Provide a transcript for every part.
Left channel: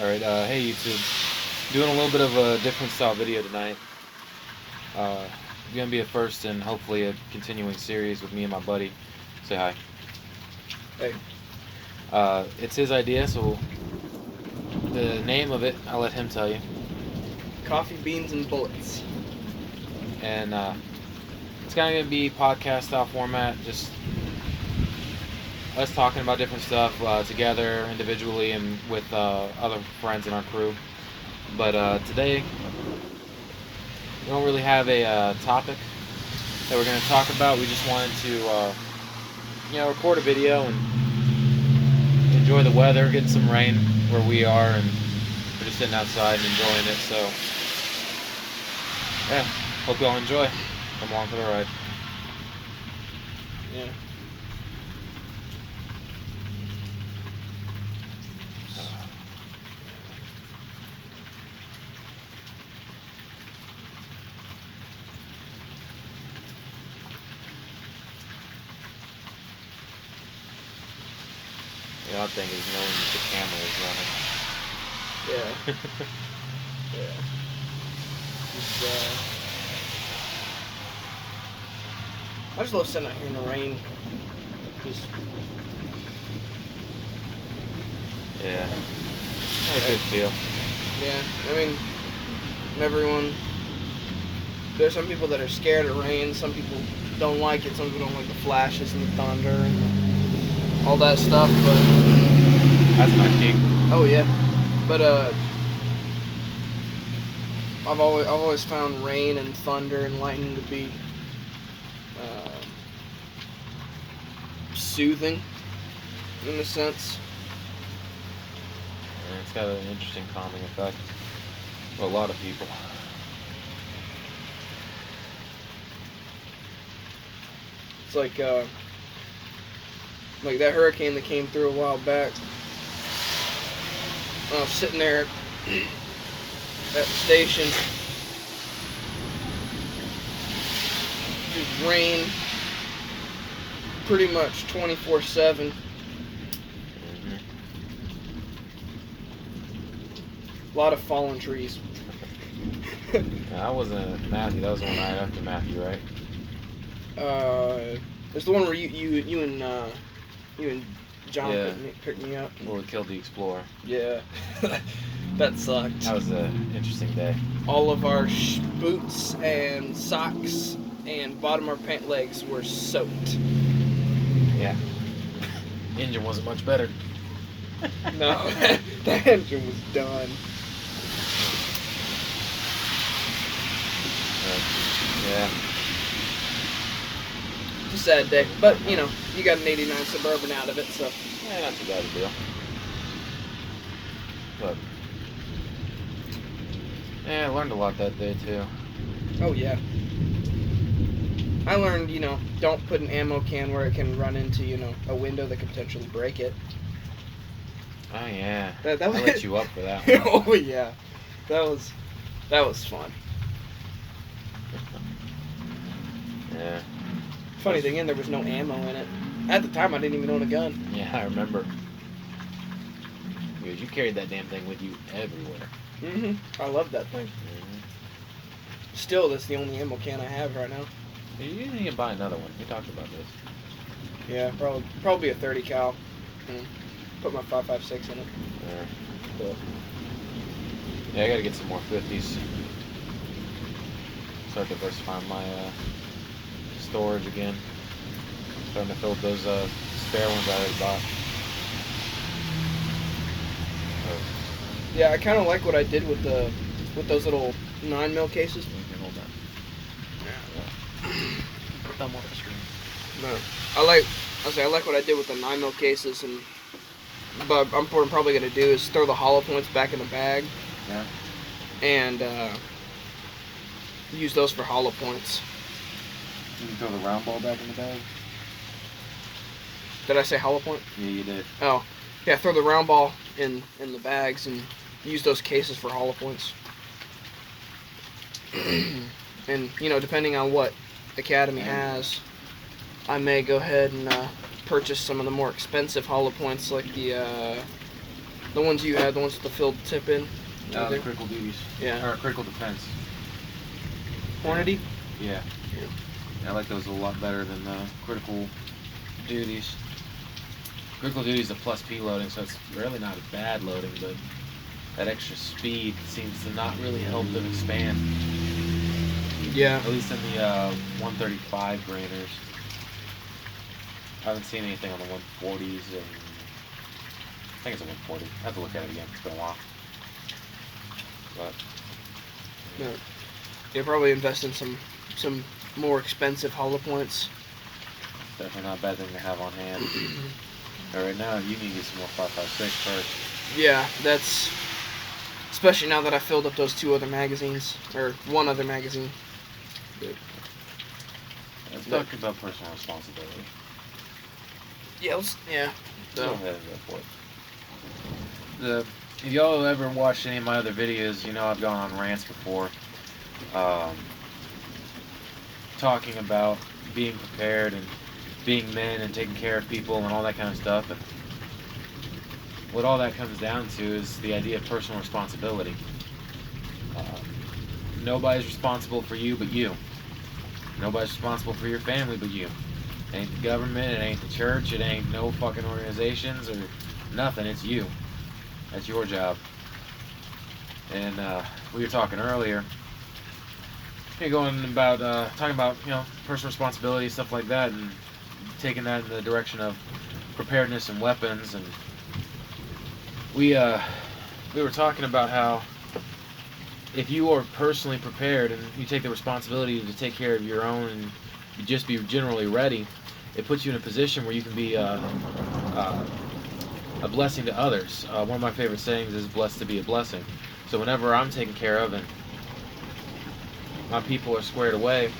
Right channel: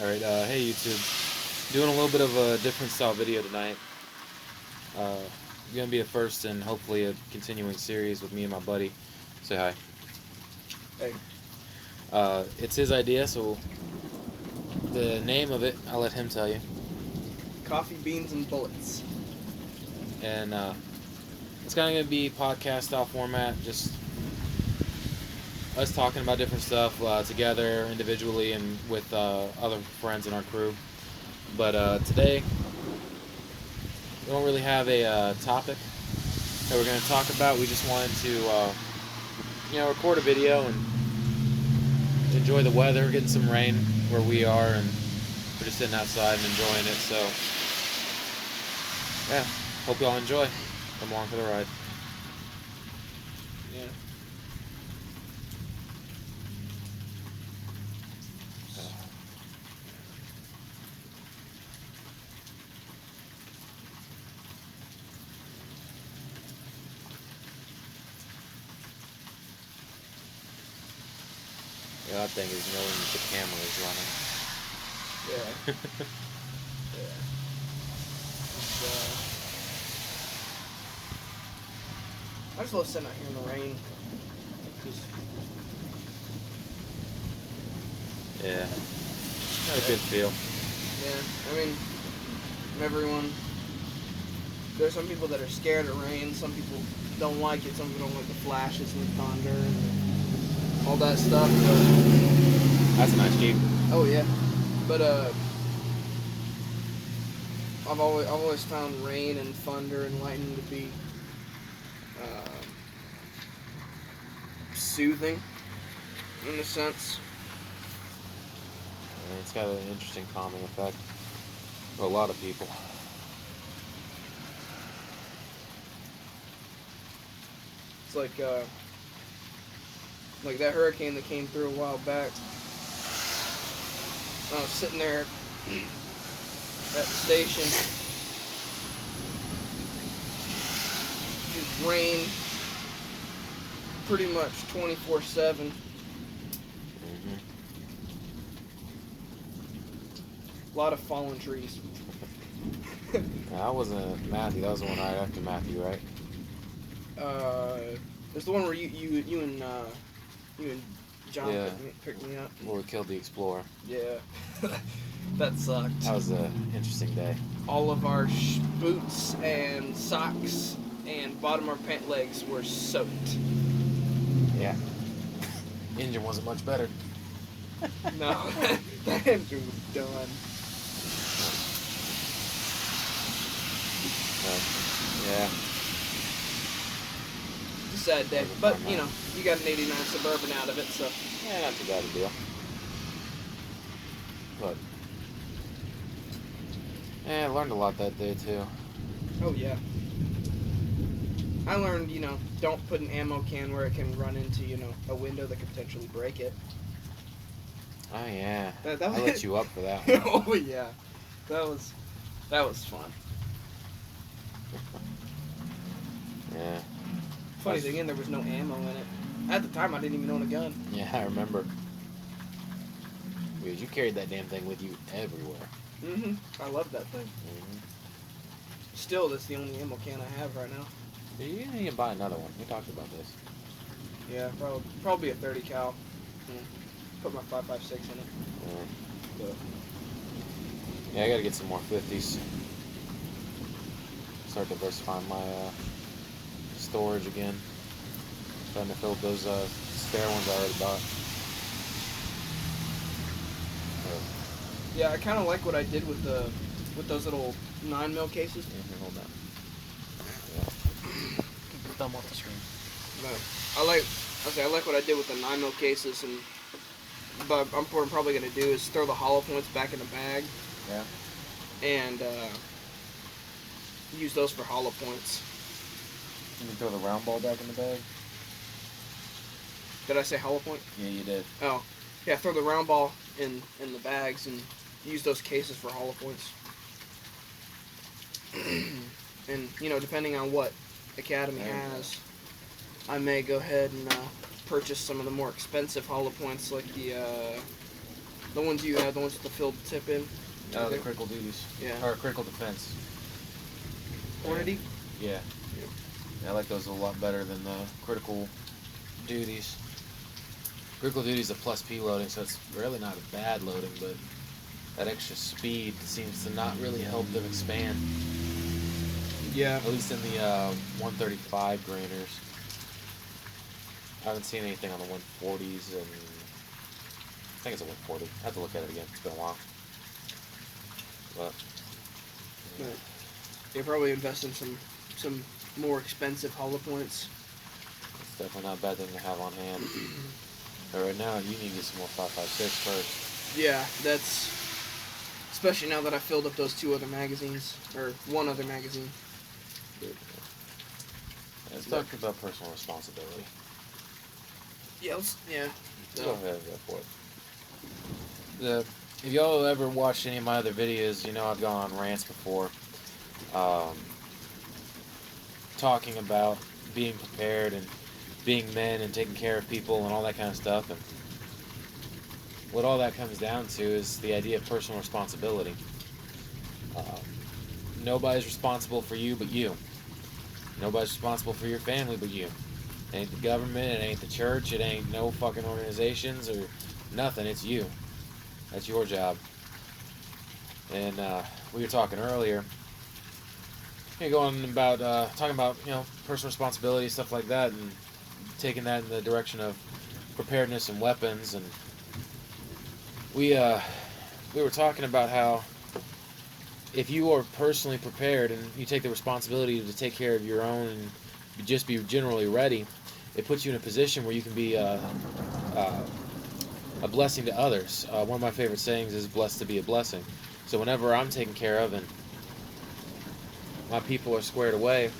Alright, hey YouTube. Doing a little bit of a different style video tonight. Gonna be a first and hopefully a continuing series with me and my buddy. Say hi. Hey. It's his idea, so the name of it, I'll let him tell you. Coffee, beans, and bullets. And it's kind of gonna be podcast style format, just us talking about different stuff together, individually, and with other friends in our crew. But today, we don't really have a topic that we're going to talk about. We just wanted to, record a video and enjoy the weather, getting some rain where we are, and we're just sitting outside and enjoying it. So, yeah, hope y'all enjoy. Come along for the ride. Yeah. The odd thing is knowing that the camera is running. Yeah. Yeah. Just, I just love sitting out here in the rain. Just, Yeah. Had a good feel. yeah. I mean, everyone. There's some people that are scared of rain. Some people don't like it. Some people don't like the flashes and the thunder and all that stuff. But That's a nice game. oh yeah. But I've always found rain and thunder and lightning to be soothing, in a sense. And it's got an interesting calming effect for a lot of people. It's like that hurricane that came through a while back. I was sitting there at the station. It rained pretty much 24/7. Mm-hmm. A lot of fallen trees. That wasn't Matthew. That was the one right after Matthew, right? There's the one where you and John Yeah. picked me up. Well, it killed the Explorer. Yeah, that sucked. That was an interesting day. All of our boots and socks and bottom of our pant legs were soaked. Yeah. Engine wasn't much better. No, that engine was done. Yeah. It's a sad day, but you know, you got an '89 Suburban out of it, so. Yeah, not too bad a deal. But yeah, I learned a lot that day too. Oh yeah. I learned, don't put an ammo can where it can run into, a window that could potentially break it. Oh yeah. That I was, let you up for that one. Oh yeah, that was fun. Yeah. Funny thing is, there was no ammo in it. At the time, I didn't even own a gun. Yeah, I remember. Because you carried that damn thing with you everywhere. I love that thing. Still, that's the only ammo can I have right now. You need to buy another one. We talked about this. Yeah, probably a 30 cal. Put my 5.56 in it. Yeah. But, Yeah, I gotta get some more 50s. Start diversifying my storage again. Trying to fill those spare ones I already bought. yeah, I kind of like what I did with those little 9mm cases. Hold on. Thumb on the screen. No, I like what I did with the 9mm cases, but I'm probably gonna do is throw the hollow points back in the bag. Yeah. And use those for hollow points. You can throw the round ball back in the bag? Did I say hollow point? Yeah, you did. Oh, yeah. Throw the round ball in the bags and use those cases for hollow points. And depending on what Academy has, I may go ahead and purchase some of the more expensive hollow points, like the The ones you had, the ones with the filled tip in. The critical duties. Yeah. Or critical defense. Hornady? Yeah. I like those a lot better than the critical duties. Critical duties is a plus P loading, so it's really not a bad loading, but that extra speed seems to not really help them expand. Yeah. At least in the 135 grainers. I haven't seen anything on the 140s, and I think it's a 140. I have to look at it again. It's been a while. But yeah, probably invest in some more expensive hollow points. It's definitely not a bad thing to have on hand. But right now, you need to get some more 5.56 first. Yeah, that's especially now that I filled up those 2 other magazines, or 1 other magazine. Let's talk about personal responsibility. Yeah, Go ahead and go for it. If y'all have ever watched any of my other videos, you know I've gone on rants before, talking about being prepared and being men and taking care of people and all that kind of stuff. And what all that comes down to is the idea of personal responsibility. Nobody's responsible for you but you. Nobody's responsible for your family but you. It ain't the government, it ain't the church, it ain't no fucking organizations or nothing. It's you. That's your job. And we were talking earlier, talking about personal responsibility, stuff like that, and taking that in the direction of preparedness and weapons. And we were talking about how if you are personally prepared and you take the responsibility to take care of your own and just be generally ready, it puts you in a position where you can be a blessing to others. One of my favorite sayings is blessed to be a blessing. So whenever I'm taken care of and my people are squared away,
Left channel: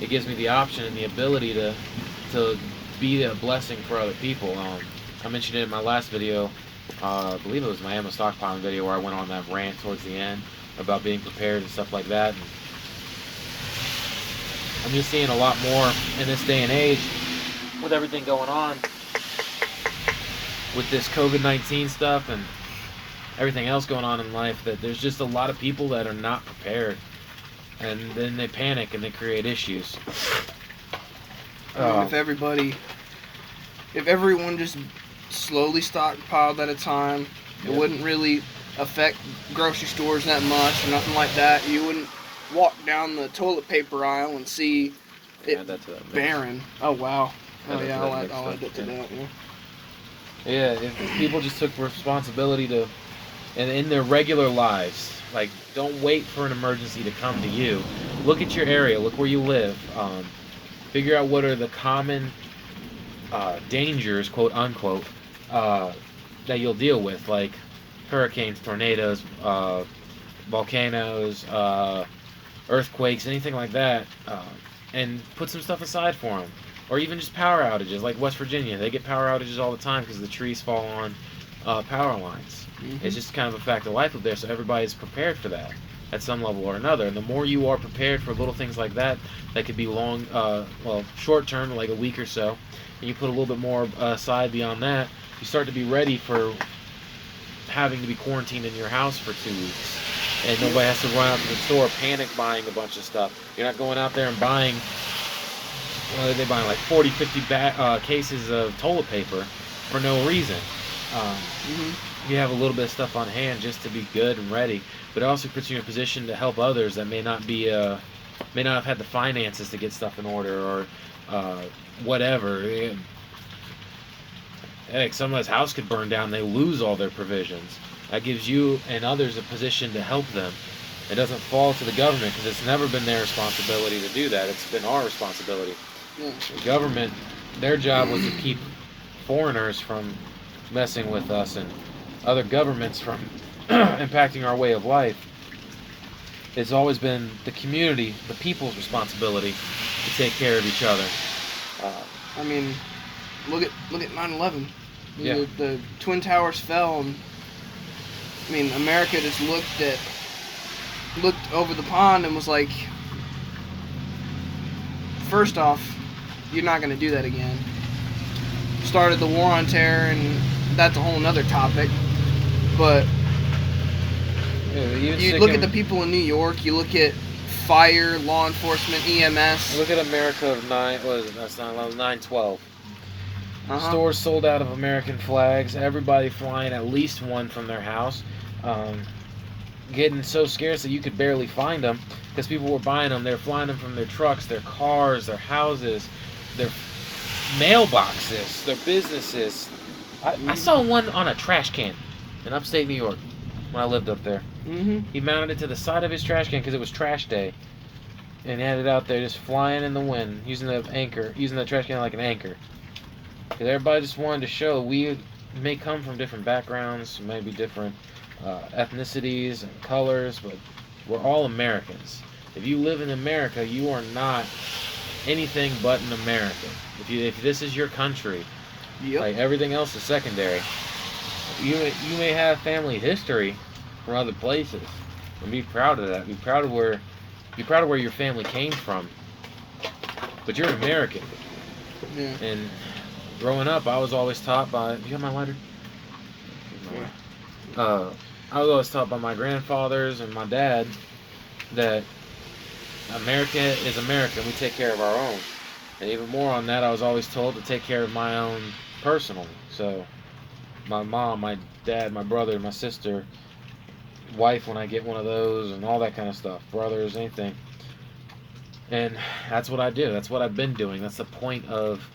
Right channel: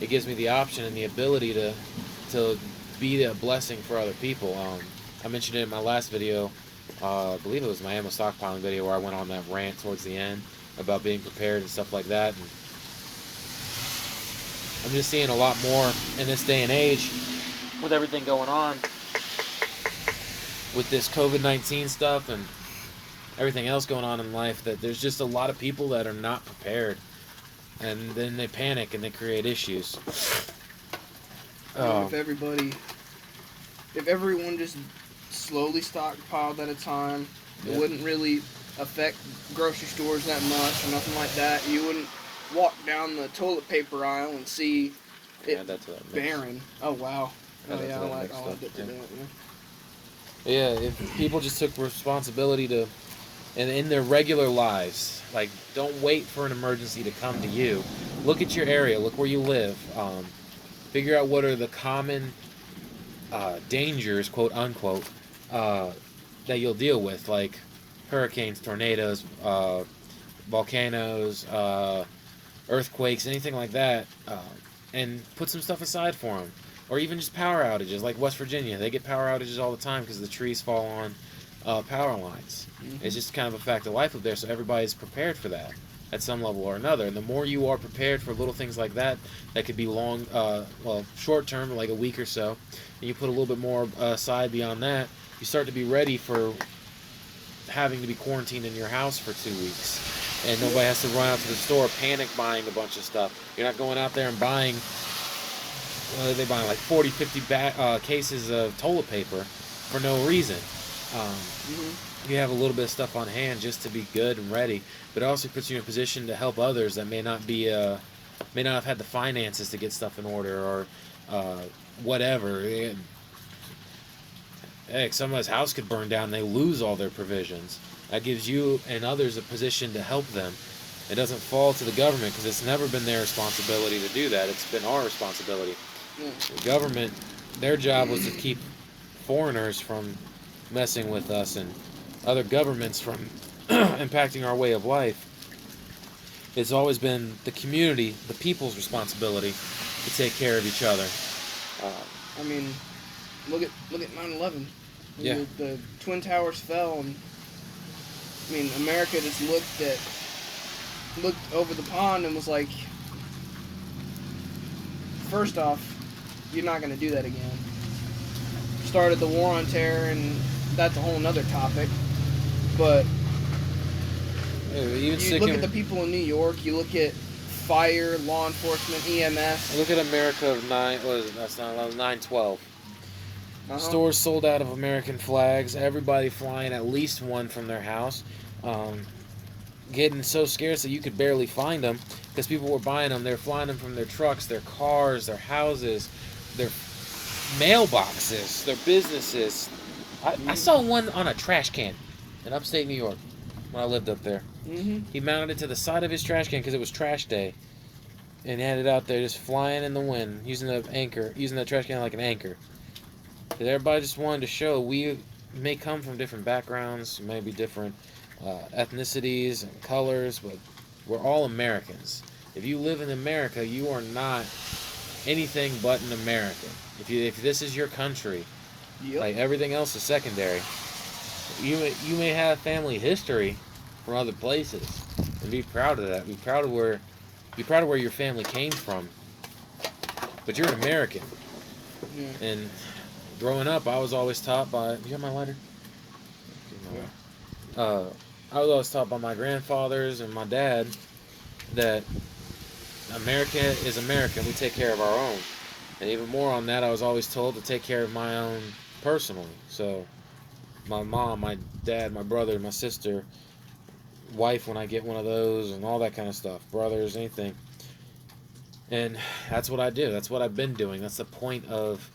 it gives me the option and the ability to be a blessing for other people. I mentioned it in my last video, I believe it was my ammo stockpiling video, where I went on that rant towards the end about being prepared and stuff like that. And I'm just seeing a lot more in this day and age with everything going on with this COVID-19 stuff and everything else going on in life, that there's just a lot of people that are not prepared, and then they panic and they create issues. If everyone just slowly stockpiled at a time, it wouldn't really affect grocery stores that much or nothing like that. You wouldn't walk down the toilet paper aisle and see it barren. Oh wow. Oh yeah, I'll add it to that. Yeah, if people just took responsibility to, and in their regular lives, like, don't wait for an emergency to come to you. Look at your area. Look where you live. Figure out what are the common dangers, quote unquote, that you'll deal with, like hurricanes, tornadoes, volcanoes, earthquakes, anything like that, and put some stuff aside for them. Or even just power outages, like West Virginia. They get power outages all the time because the trees fall on power lines. Mm-hmm. It's just kind of a fact of life up there, so everybody's prepared for that at some level or another. And the more you are prepared for little things like that, that could be short term, like a week or so, and you put a little bit more aside beyond that, you start to be ready for having to be quarantined in your house for 2 weeks. And nobody has to run out to the store panic buying a bunch of stuff. You're not going out there and buying, they're buying like 40, 50 cases of toilet paper for no reason. You have a little bit of stuff on hand just to be good and ready, but it also puts you in a position to help others that may not have had the finances to get stuff in order or whatever. Heck, somebody's house could burn down, they lose all their provisions. That gives you and others a position to help them. It doesn't fall to the government because it's never been their responsibility to do that. It's been our responsibility. The government, their job was to keep foreigners from messing with us and other governments from impacting our way of life. It's always been the community, the people's responsibility to take care of each other. I mean, look at 9/11. Yeah. The Twin Towers fell, and I mean, America just looked over the pond and was like, first off, you're not going to do that again. Started the war on terror, and that's a whole nother topic. But Even you look at the people in New York. You look at fire, law enforcement, EMS. Look at America of 9/12. Uh-huh. Stores sold out of American flags. Everybody flying at least one from their house. Getting so scarce that you could barely find them because people were buying them. They're flying them from their trucks, their cars, their houses, their mailboxes, their businesses. I saw one on a trash can in upstate New York when I lived up there. Mm-hmm. He mounted it to the side of his trash can because it was trash day, and had it out there just flying in the wind, using the trash can like an anchor. Because everybody just wanted to show we may come from different backgrounds, maybe different ethnicities and colors, but we're all Americans. If you live in America, you are not anything but an American. If this is your country, Yep. like everything else is secondary. You may have family history from other places, and be proud of that. Be proud of where your family came from. But you're an American. Yeah. And growing up, I was always taught by. You got my lighter? I was always taught by my grandfathers and my dad that America is America, and we take care of our own. And even more on that, I was always told to take care of my own personally. So, my mom, my dad, my brother, my sister, wife when I get one of those, and all that kind of stuff, brothers, anything. And that's what I do. That's what I've been doing. That's the point of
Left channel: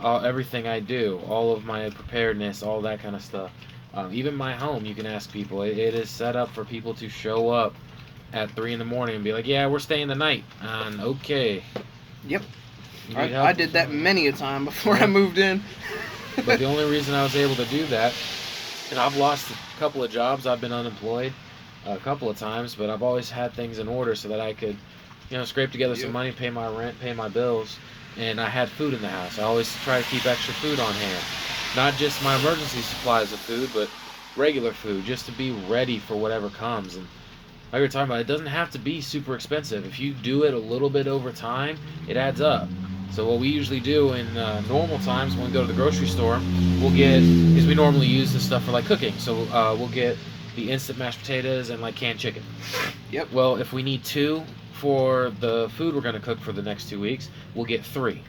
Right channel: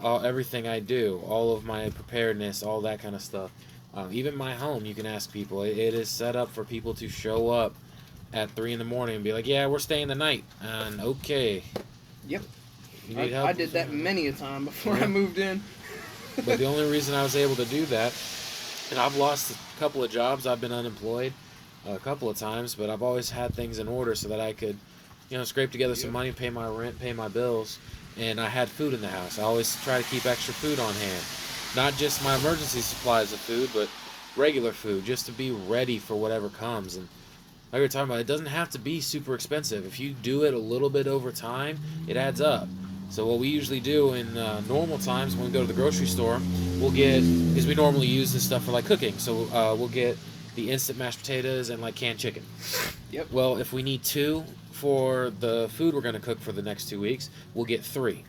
everything I do, all of my preparedness, all that kind of stuff. Even my home, you can ask people. It is set up for people to show up at 3 in the morning and be like, "Yeah, we're staying the night." And okay. Yep. You need help I did that many a time before Yeah. I moved in. But the only reason I was able to do that, and I've lost a couple of jobs. I've been unemployed a couple of times, but I've always had things in order so that I could, scrape together some money, pay my rent, pay my bills, and I had food in the house. I always try to keep extra food on hand. Not just my emergency supplies of food, but regular food, just to be ready for whatever comes. And like we were talking about, it doesn't have to be super expensive. If you do it a little bit over time, it adds up. So what we usually do in normal times when we go to the grocery store, we'll get, because we normally use this stuff for like cooking, so we'll get the instant mashed potatoes and like canned chicken. Yep. Well, if we need 2 for the food we're going to cook for the next 2 weeks, we'll get 3.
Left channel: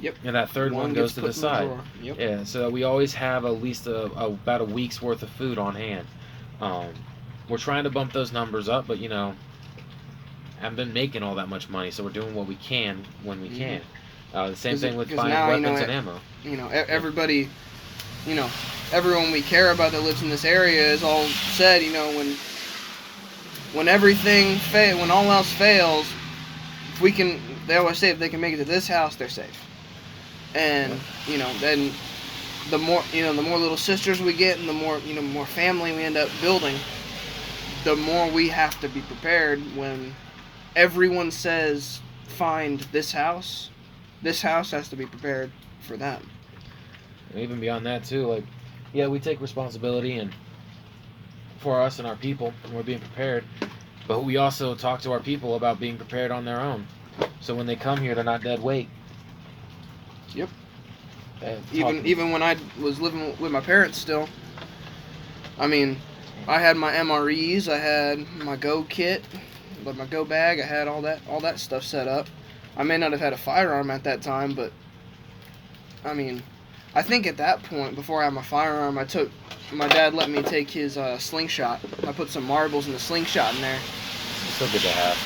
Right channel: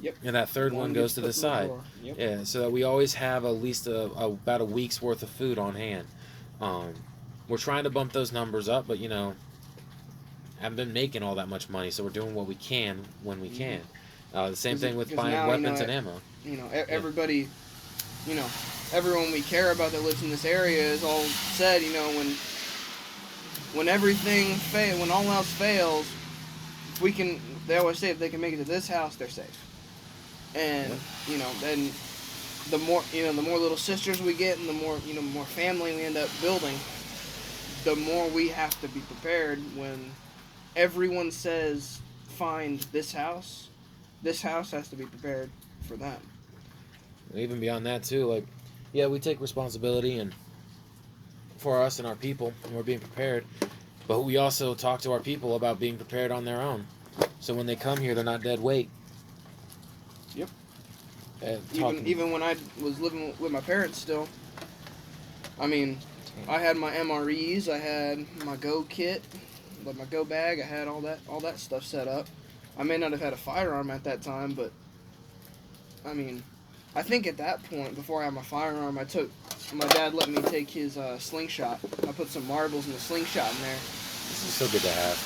Yep. And that third one goes to the side. Yep. Yeah, so we always have at least about a week's worth of food on hand. We're trying to bump those numbers up, but I haven't been making all that much money, so we're doing what we can when we can. The same thing with buying weapons and ammo. Everybody, everyone we care about that lives in this area is all said, when everything when all else fails, they always say if they can make it to this house, they're safe. And, then the more little sisters we get and the more, more family we end up building, the more we have to be prepared when everyone says, find this house has to be prepared for them. And even beyond that too, we take responsibility and for us and our people, and we're being prepared, but we also talk to our people about being prepared on their own. So when they come here, they're not dead weight. Yep. Even when I was living with my parents still, I had my MREs, I had my Go kit, my Go bag, I had all that stuff set up. I may not have had a firearm at that time, but I think at that point, before I had my firearm, my dad let me take his slingshot. I put some marbles in the slingshot in there. It's so good to have.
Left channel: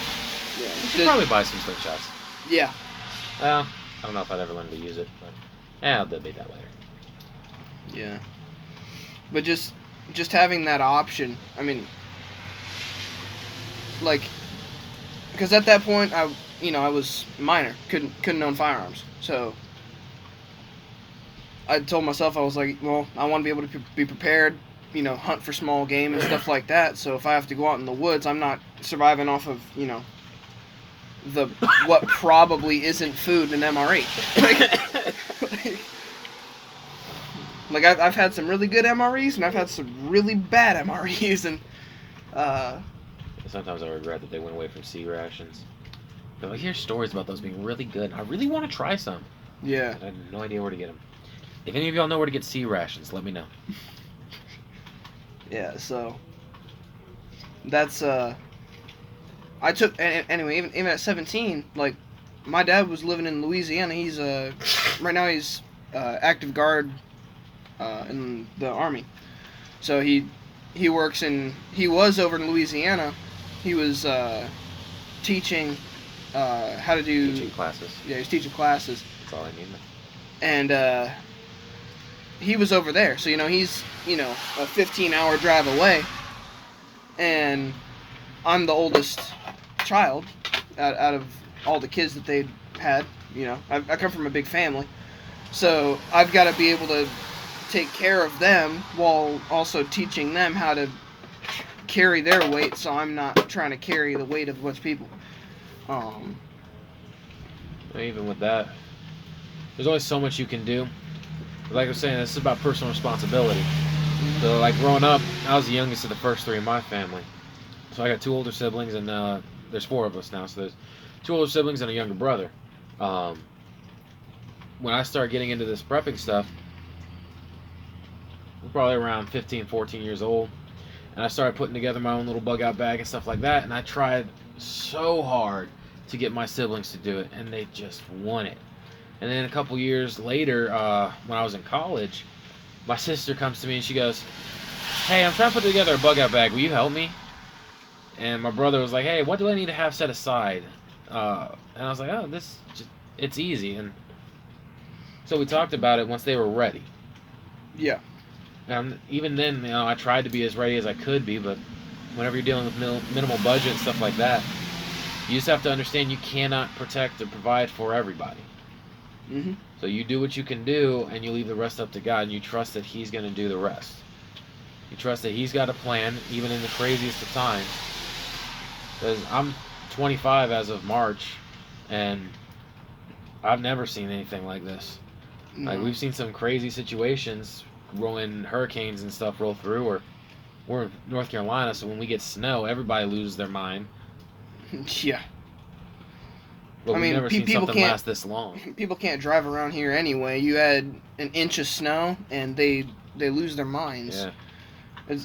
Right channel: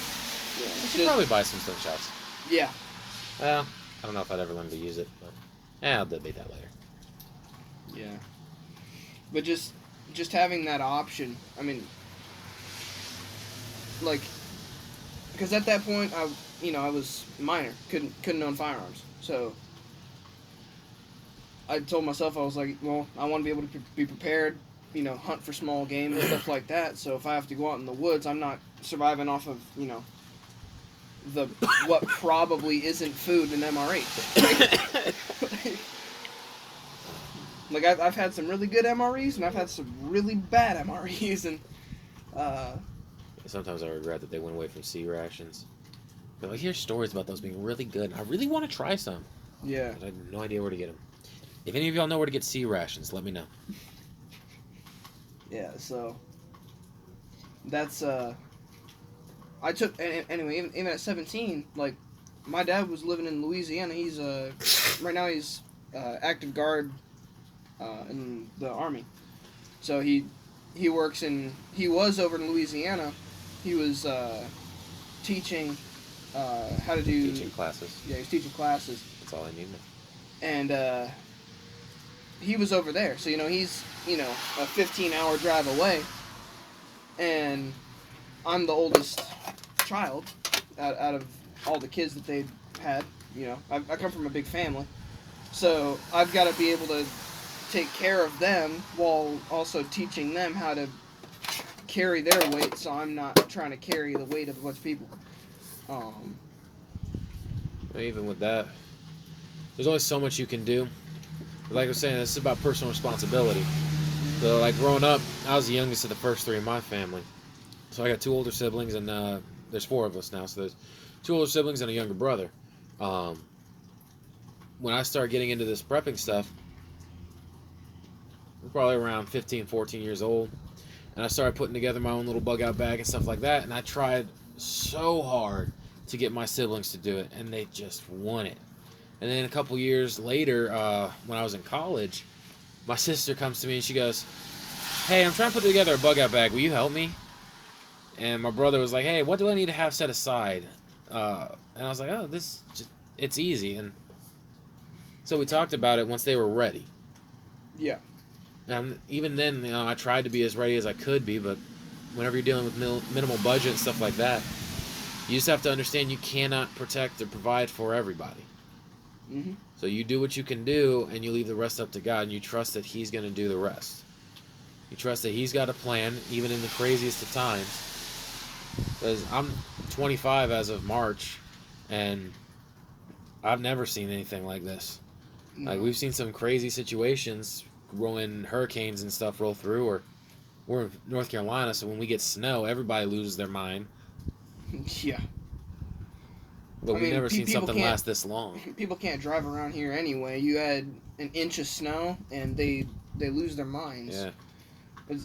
Yeah. You should probably buy some slingshots. Yeah. I don't know if I'd ever learn to use it, but I'll debate that later. Yeah. But just having that option, because at that point I was minor, couldn't own firearms, so I told myself, I was like, well, I want to be able to be prepared, hunt for small game and stuff like that. So if I have to go out in the woods, I'm not surviving off of what probably isn't food in MRE. I've had some really good MREs and I've had some really bad MREs, and sometimes I regret that they went away from C rations. But I hear stories about those being really good. I really want to try some. Yeah. But I have no idea where to get them. If any of y'all know where to get C rations, let me know. Yeah, so that's I took anyway. Even at 17, like my dad was living in Louisiana. He's right now he's active guard in the army. So he works in he was over in Louisiana. He was teaching how to do Teaching classes. Yeah, he's teaching classes, That's all I need. and he was over there. So he's a 15-hour drive away, and I'm the oldest child out of all the kids that they had. I come from a big family, so I've got to be able to take care of them while also teaching them how to carry their weight, so I'm not trying to carry the weight of a bunch of people. Even with that, there's only so much you can do. Like I was saying, this is about personal responsibility. So, like growing up, I was the youngest of the first three in my family. So I got two older siblings, and there's four of us now. So there's two older siblings and a younger brother. When I started getting into this prepping stuff, I'm probably around 15, 14 years old. And I started putting together my own little bug out bag and stuff like that. And I tried so hard to get my siblings to do it, and they just won it. And then a couple years later, when I was in college, my sister comes to me and she goes, "Hey, I'm trying to put together a bug out bag. Will you help me?" And my brother was like, "Hey, what do I need to have set aside?" And I was like, "Oh, it's easy." And so we talked about it once they were ready. Yeah. And even then, I tried to be as ready as I could be, but whenever you're dealing with minimal budget and stuff like that, you just have to understand you cannot protect or provide for everybody. Mm-hmm. So you do what you can do, and you leave the rest up to God, and you trust that He's going to do the rest. You trust that He's got a plan, even in the craziest of times. Because I'm 25 as of March, and I've never seen anything like this. No. Like, we've seen some crazy situations when hurricanes and stuff roll through, or we're in North Carolina, so when we get snow, everybody loses their mind. Yeah. But we've never seen something can't last this long. People can't drive around here anyway. You add an inch of snow, and they lose their minds. Yeah.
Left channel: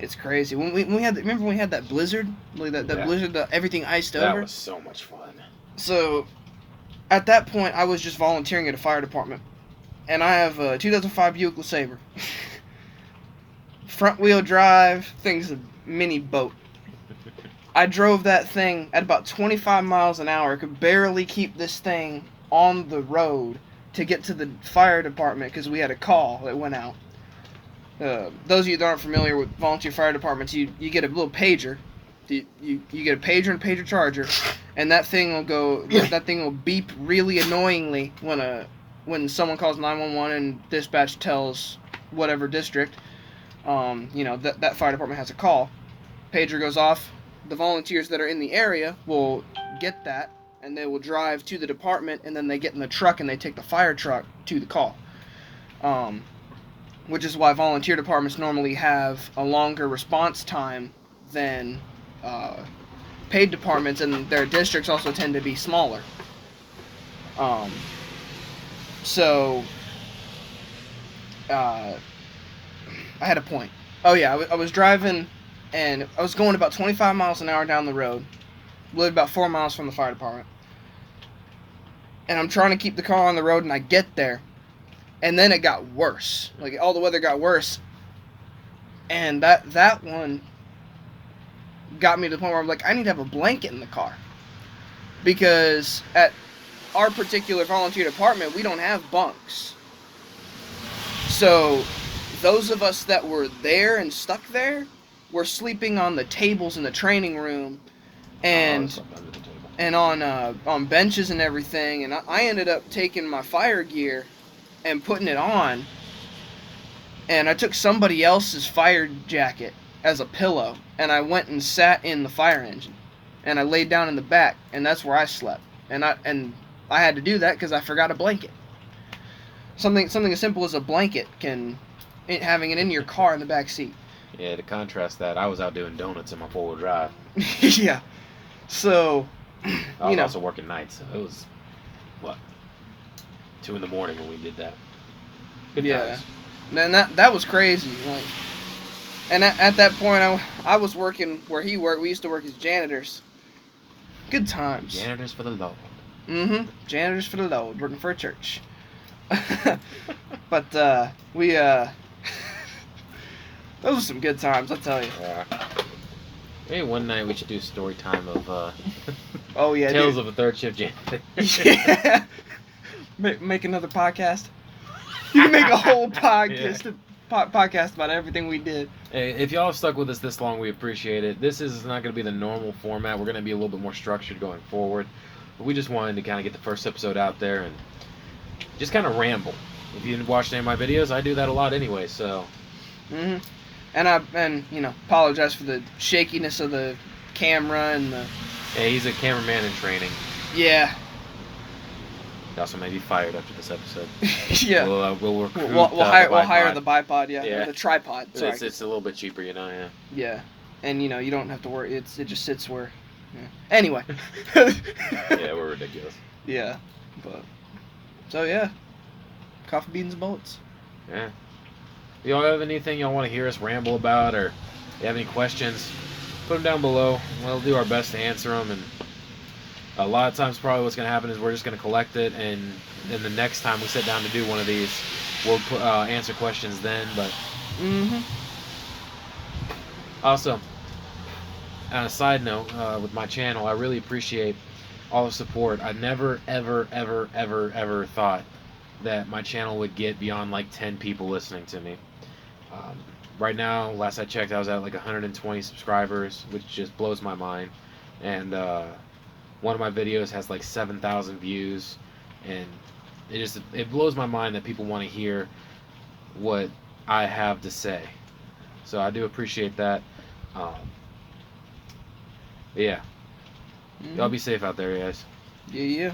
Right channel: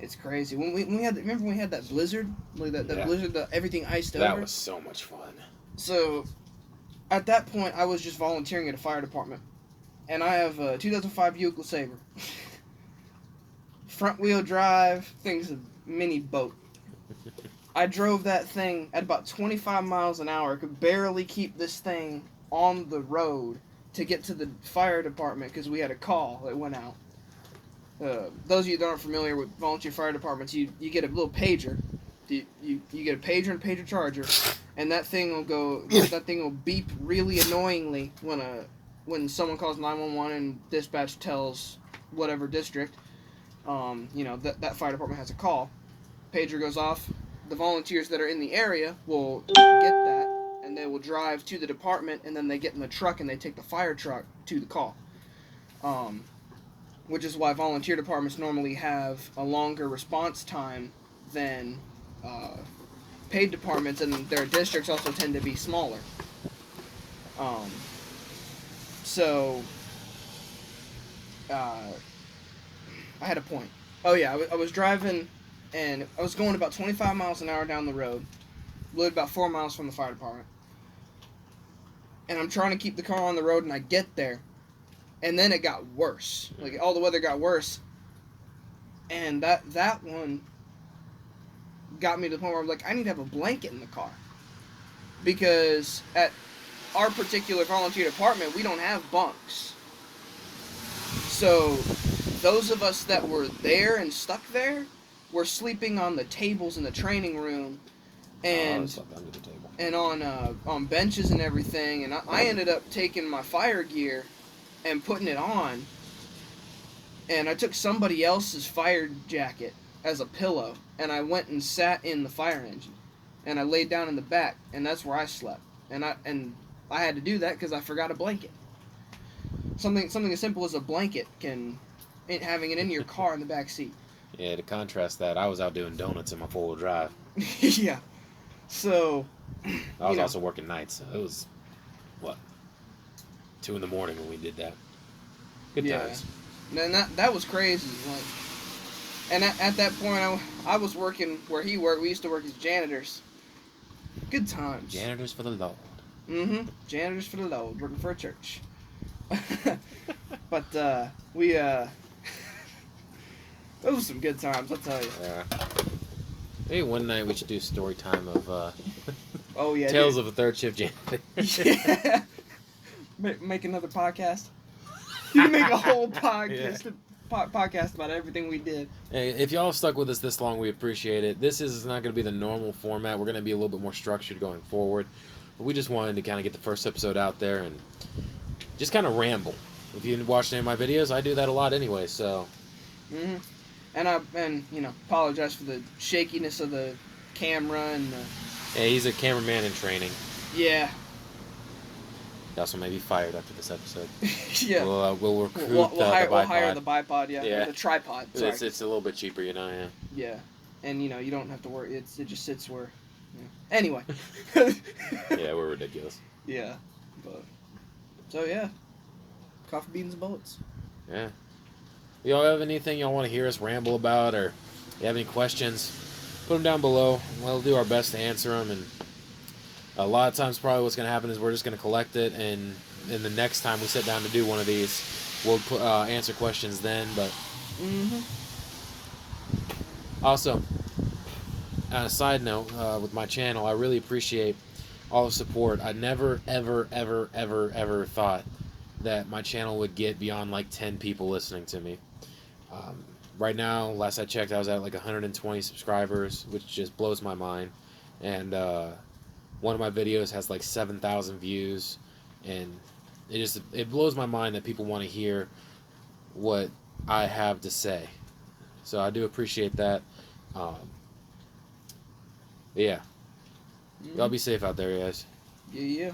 It's crazy. When we had remember when we had that blizzard, like that blizzard, everything iced over. That was so much fun. So, at that point, I was just volunteering at a fire department, and I have a 2005 Buick LeSabre. Front wheel drive, thing's a mini boat. I drove that thing at about 25 miles an hour. I could barely keep this thing on the road to get to the fire department because we had a call that went out. Those of you that aren't familiar with volunteer fire departments, you get a little pager. You get a pager and a pager charger, and that thing will go. That thing will beep really annoyingly when someone calls 911 and dispatch tells whatever district, that fire department has a call. Pager goes off. The volunteers that are in the area will get that, and they will drive to the department, and then they get in the truck and they take the fire truck to the call. Which is why volunteer departments normally have a longer response time than paid departments, and their districts also tend to be smaller. So I had a point. Oh yeah, I was driving, and I was going about 25 miles an hour down the road. Lived about 4 miles from the fire department. And I'm trying to keep the car on the road, and I get there. And then it got worse. Like, all the weather got worse. And that one got me to the point where I'm like, I need to have a blanket in the car. Because at our particular volunteer department, we don't have bunks. So those of us that were there and stuck there were sleeping on the tables in the training room and on benches and everything. And I ended up taking my fire gear and putting it on, and I took somebody else's fire jacket as a pillow, and I went and sat in the fire engine, and I laid down in the back, and that's where I slept. And I had to do that because I forgot a blanket. Something as simple as a blanket having it in your car in the back seat. Yeah, to contrast that, I was out doing donuts in my 4-wheel drive. Yeah. So, I was also working nights. So it was, 2 in the morning when we did that. Good times. And that was crazy. Like, and at that point, I was working where he worked. We used to work as janitors. Good times. Janitors for the Lord. Mm-hmm. Janitors for the Lord, working for a church. But we those were some good times, I'll tell you. Yeah. Maybe one night we should do story time of Oh yeah, Tales dude. of a Third Shift Janitor. Yeah. Make another podcast. You can make a whole podcast. Yeah. Podcast about everything we did. Hey, if y'all stuck with us this long, we appreciate it. This is not going to be the normal format. We're going to be a little bit more structured going forward. But we just wanted to kind of get the first episode out there and just kind of ramble. If you watch any of my videos, I do that a lot anyway, so... Mm-hmm. And apologize for the shakiness of the camera and the... Hey, he's a cameraman in training. Yeah. He also may be fired after this episode. Yeah. We'll recruit We'll the hire bipod. the bipod, yeah. Yeah. Or the tripod, sorry. It's a little bit cheaper, yeah. Yeah. And, you don't have to worry. It just sits where... Yeah. Anyway. Yeah, we're ridiculous. Yeah. But... So, yeah. Coffee, beans, and bullets. Yeah. Y'all have anything y'all want to hear us ramble about, or you have any questions, put them down below. We'll do our best to answer them, and a lot of times probably what's going to happen is we're just going to collect it, and then the next time we sit down to do one of these, we'll answer questions then. But Mm-hmm. also, on a side note, with my channel, I really appreciate all the support. I never, ever, ever, ever, ever thought that my channel would get beyond like 10 people listening to me. Right now, last I checked, I was at like 120 subscribers, which just blows my mind. And one of my videos has like 7,000 views, and it blows my mind that people want to hear what I have to say. So I do appreciate that. Yeah. Mm-hmm. Y'all be safe out there, guys. Yeah.